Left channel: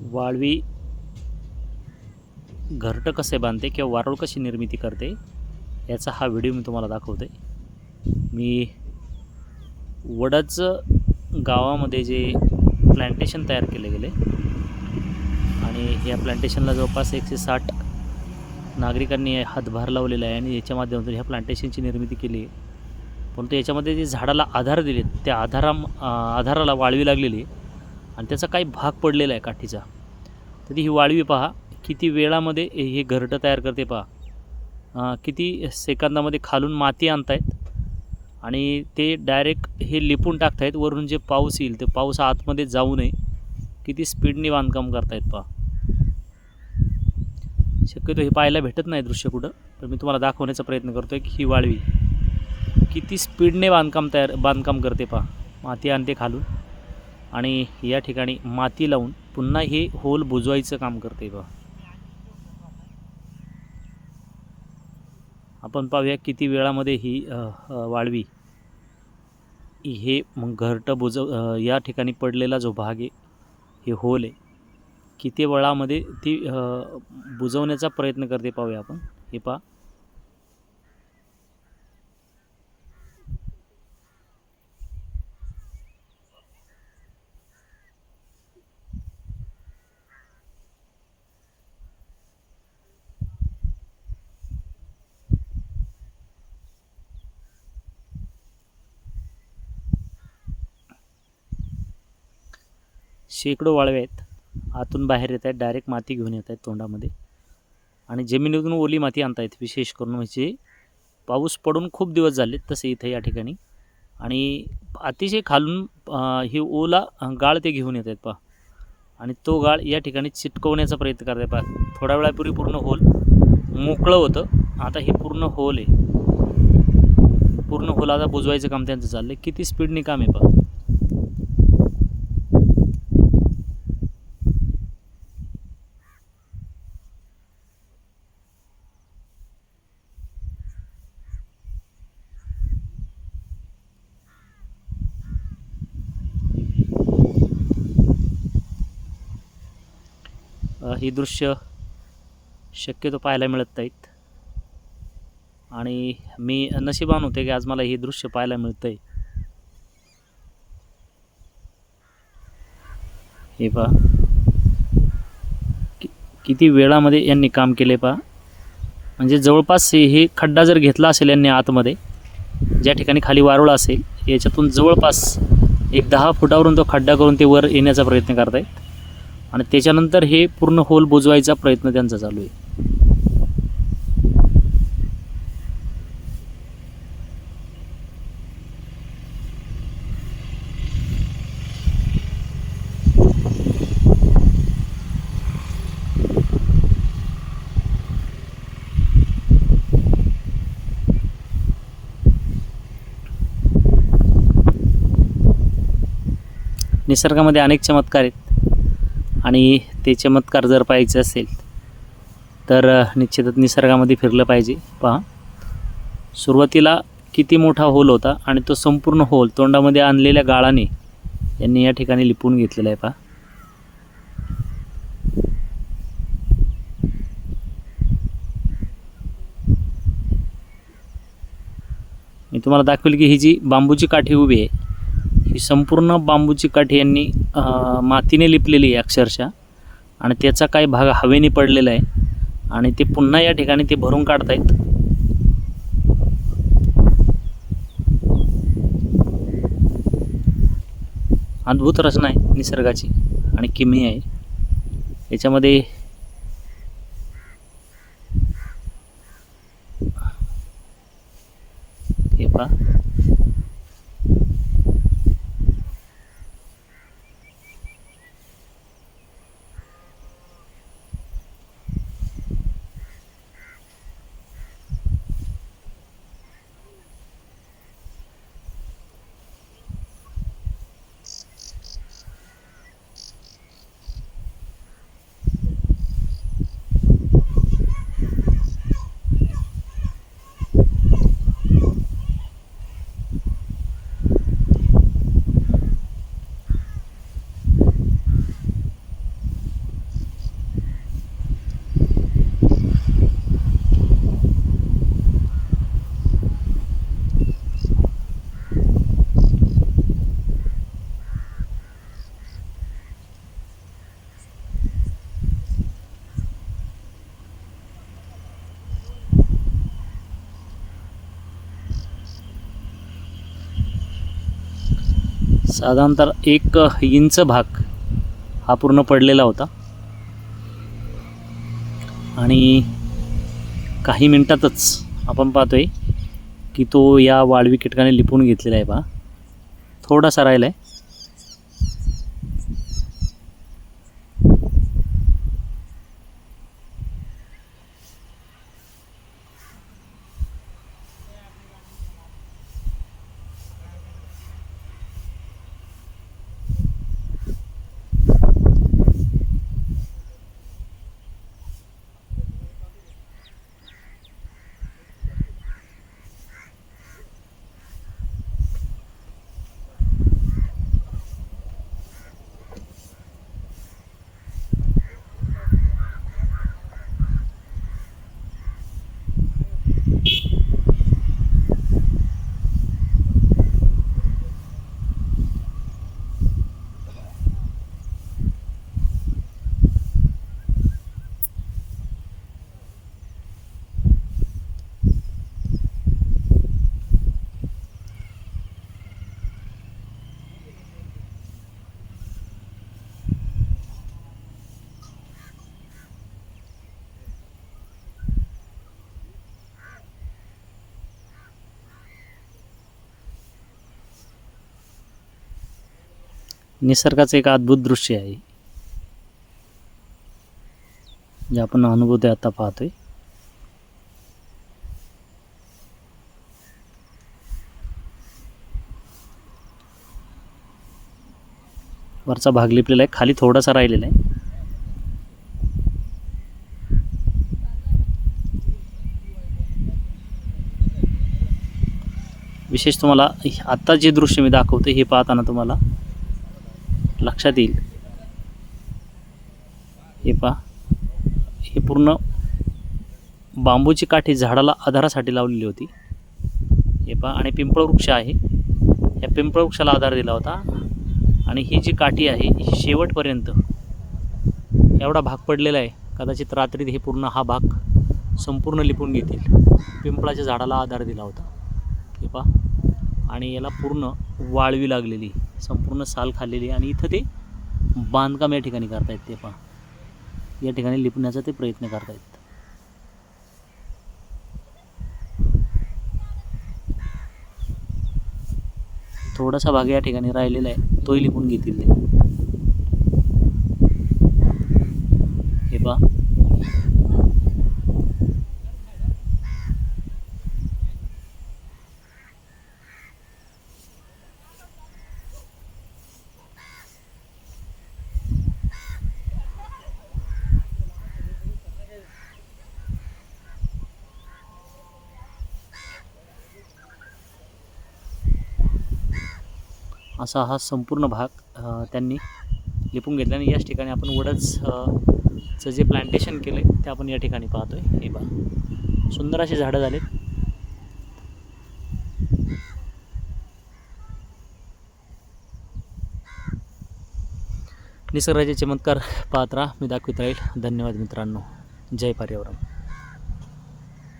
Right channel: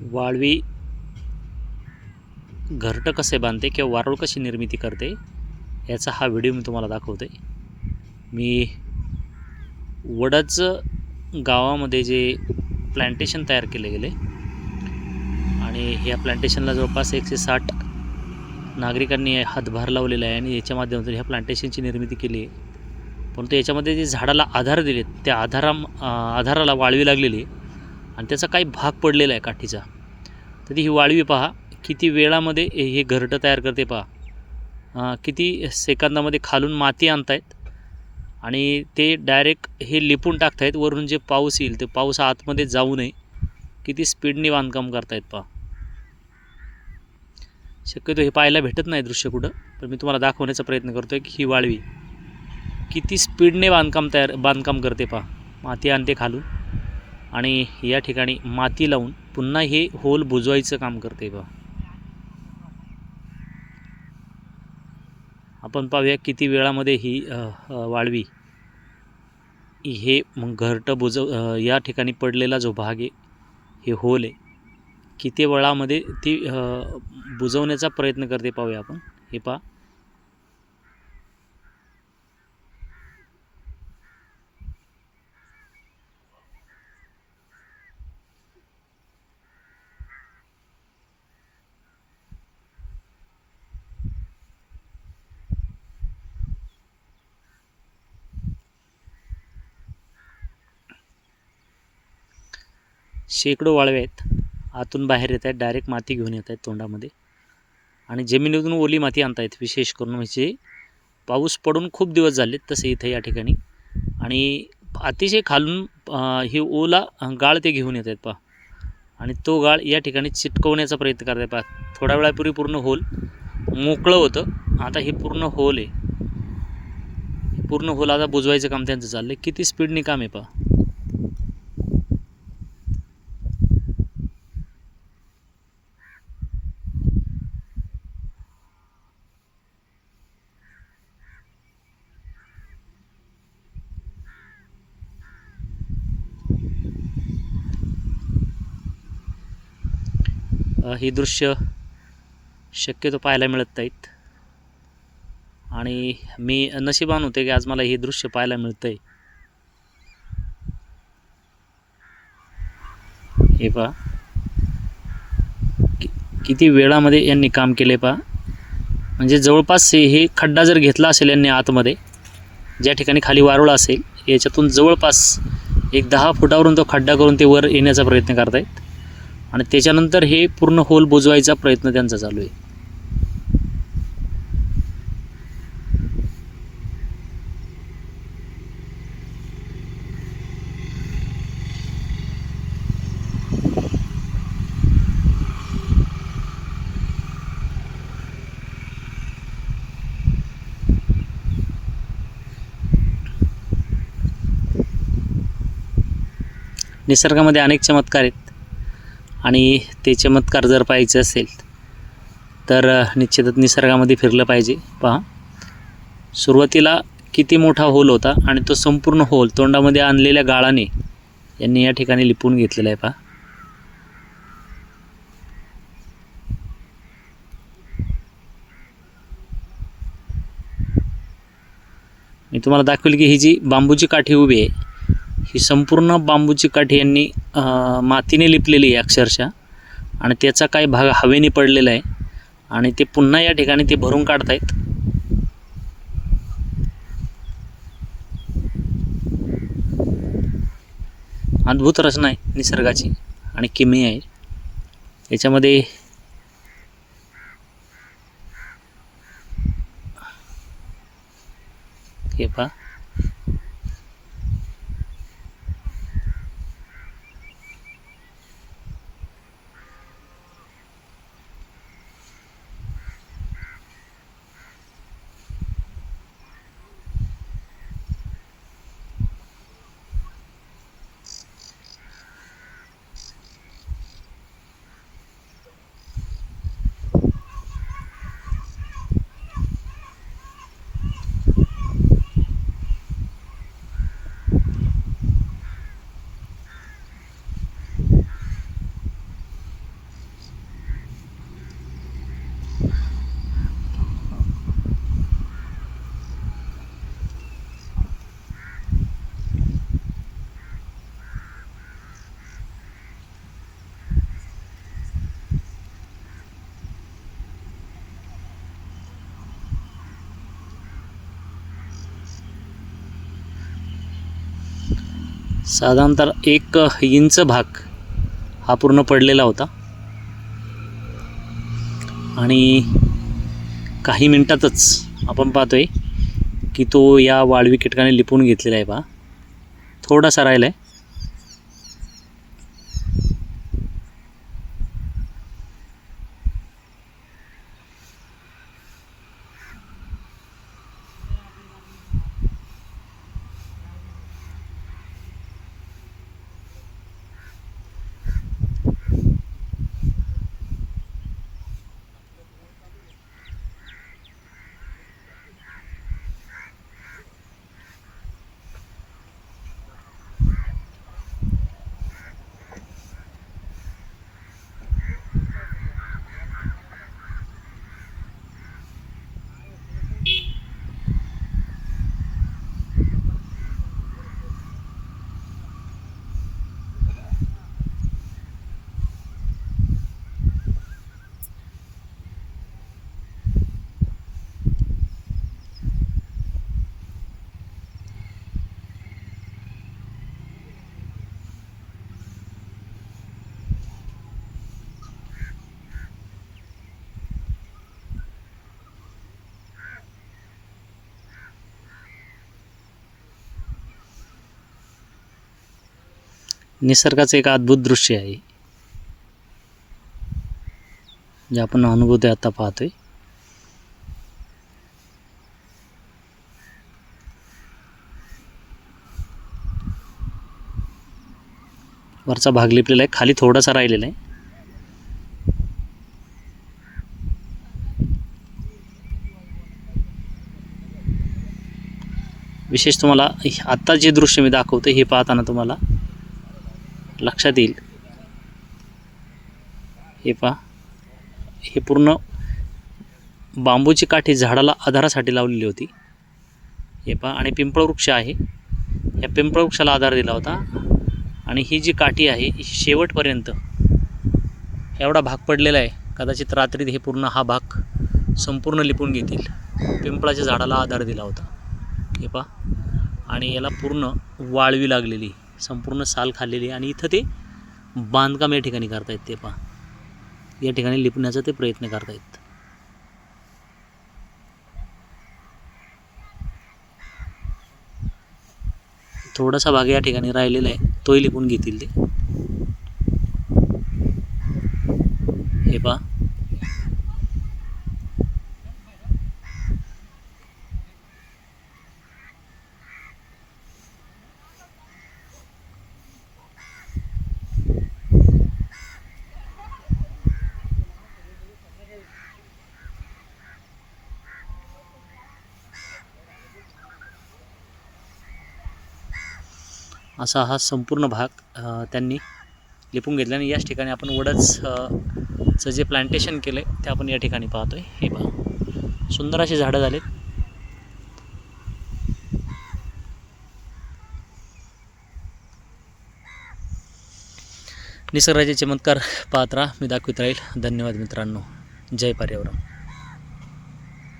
वाळवी घरटं कसे बांधते किंवा वारूळ कशी निर्मिती करते याचा हा व्हिडिओ मी तुम्हाला दाखवते मी वडच गावामध्ये जे प्लांटेशन तयार केले गेले आणि ह्या प्लांटेशनला जवळपास एकशे साठ नागरिकांनी हातभार लावलेला आहे आणि याच्या माध्यमातून ह्या प्लांटेशनची निर्मिती केली आहे. परंतु याच्यामध्ये जे झाडाला आधार दिलेत त्या आधारा आधाराला वाळवी लागलेली आहे. आणि त्याचा काही भाग पडलेला आहे काठीचा. तर ही वाळवी पहा किती वेळामध्ये हे घरटं तयार करते पहा. किती सेकंदामध्ये खालून माती आणतायत आणि ते डायरेक्ट हे लिपून टाकतायत वरून जे पाऊस येईल ते पाऊस आतमध्ये जाऊ नये. किती स्पीडने बांधकाम करतायत पहा. शक्यतो हे पाहायला भेटत नाही दृश्य कुठं पण मी तुम्हाला दाखवण्याचा प्रयत्न करतो आहे की ही वाळवी किती स्पीडने बांधकाम तयार बांधकाम करते पहा माती आणते खालून. आणि या ठिकाणी माती लावून पुन्हा हे होल बुजवायचं काम करते पहा आपण पाहूया किती वेळामध्ये ही वाळवी. हे मग घरटं बुजव या ठिकाणी पडलेला जो भाग आहे हे होल आहे. किती वेळामध्ये ती बुजवण्याचा प्रयत्न करते पाहूया आपण. हे पहा. शेकडो वाळवे आहेत. आतून बाहेर येत आहेत डायरेक्ट माती घेऊन येत आहेत तोंडामध्ये. आणि जमिनीतून ओली माती आणतायत विशेष करून म्हणजे पाऊस पडून खूप दिवस झालेत तसे इथे या ठिकाणी. आणि अतिशय खालून ही ओला गाळ ते घेऊन येत आहेत पहा. आणि तो गाळ या ठिकाणी चिटकवण्याचा प्रयत्न करत आहे पहा. थोड्या वेळापूर्वी पूर्ण होल मोकळं होतं. आता हे पूर्ण होल आहे. पूर्ण होल आता बुजवायचं काम त्यांचं चाललं आहे किती स्पीडने काम आहे पहा. ही दृश्य शक्यतो पाहायला मिळत नाहीत. आणि मी नशिबान होते की आज मला हे दृश्य पाहायला मिळतं आहे हे पहा. कि किती वेळामध्ये यांनी काम केले पहा. म्हणजे जवळपास हे हे खड्डा जर घेतला असेल यांनी आतमध्ये ज्या ठिकाणी खाली वारुळ असेल याच्यातून जवळपास एक दहा फुटावरून तो खड्डा करून ते वर येण्याचा प्रयत्न करतायत. आणि त्याच्यानंतर हे पूर्ण होल बुजवायचा प्रयत्न त्यांचा चालू आहे. निसर्गामध्ये अनेक चमत्कार आहेत. आणि ते चमत्कार जर पाहायचे असेल तर निश्चितच निसर्गामध्ये फिरलं पाहिजे. पहा. सुरुवातीला किती मोठा होल होता आणि तो संपूर्ण होल तोंडामध्ये आणलेल्या गाळाने यांनी या ठिकाणी लिपून घेतलेला आहे पहा. मी तुम्हाला दाखवेल की ही जी बांबूची काठी उभी आहे ही संपूर्ण बांबूची काठी यांनी मातीने लिपलेली आहे अक्षरशः. आणि त्याचा काही भाग हवेने पडलेला आहे. आणि ते पुन्हा या ठिकाणी ते भरून काढतायत. अद्भुत रचना आहे निसर्गाची आणि किमी आहे. याच्यामध्ये हे पहा. साधारणतः एक इंच भाग हा पूर्ण पडलेला होता. आणि काही मिनटातच आपण पाहतोय की तो या वाळवी कीटकाने लिपून घेतलेला आहे पहा. थोडासा राहिला आहे निसर्गाचं एक अद्भुत दृश्य आहे. जे आपण अनुभवतोय आता पाहतोय. वरचा भाग लिपलेला आहे खाली थोडासा राहिलेला आहे. विशेष तुम्हाला आत्ता जे दृश्य मी दाखवतो हे पाहताना तुम्हाला लक्षात येईल. हे पहा. हे पूर्ण बांबूची काठी झाडाला आधारासाठी लावलेली होती. हे पहा. आणि पिंपळ वृक्ष आहे. या पिंपळवृक्षाला आधार दिला होता. आणि ही जी काठी आहे ही शेवटपर्यंत एवढा भाग पडलेला आहे. कदाचित रात्रीत हे पूर्ण हा भाग संपूर्ण लिपून घेतील. पिंपळाच्या झाडाला आधार दिला होता. हे पहा. आणि याला पूर्ण वाळवी लागलेली. संपूर्ण साल खाल्लेली आणि इथं ते बांधकाम या ठिकाणी करतायत ते पहा. या ठिकाणी लिपण्याचा ते प्रयत्न करतायत. थोडासा भाग या ठिकाणी राहिलेला आहे. तोही लिपून घेतील ते. हे पहा. असा हा संपूर्ण भाग त्यांनी लिपून घेतला आणि याच ठिकाणी आपण वडचचं चं जे प्लांटेशन केलं आहे ते आपण या ठिकाणी पाहतो आहे हे बघा सुंदर अशी झाडं झालीत. निसर्गाचे चमत्कार पाहत राहा. मी दाखवित राहील. धन्यवाद मित्रांनो. जय पर्यावरण.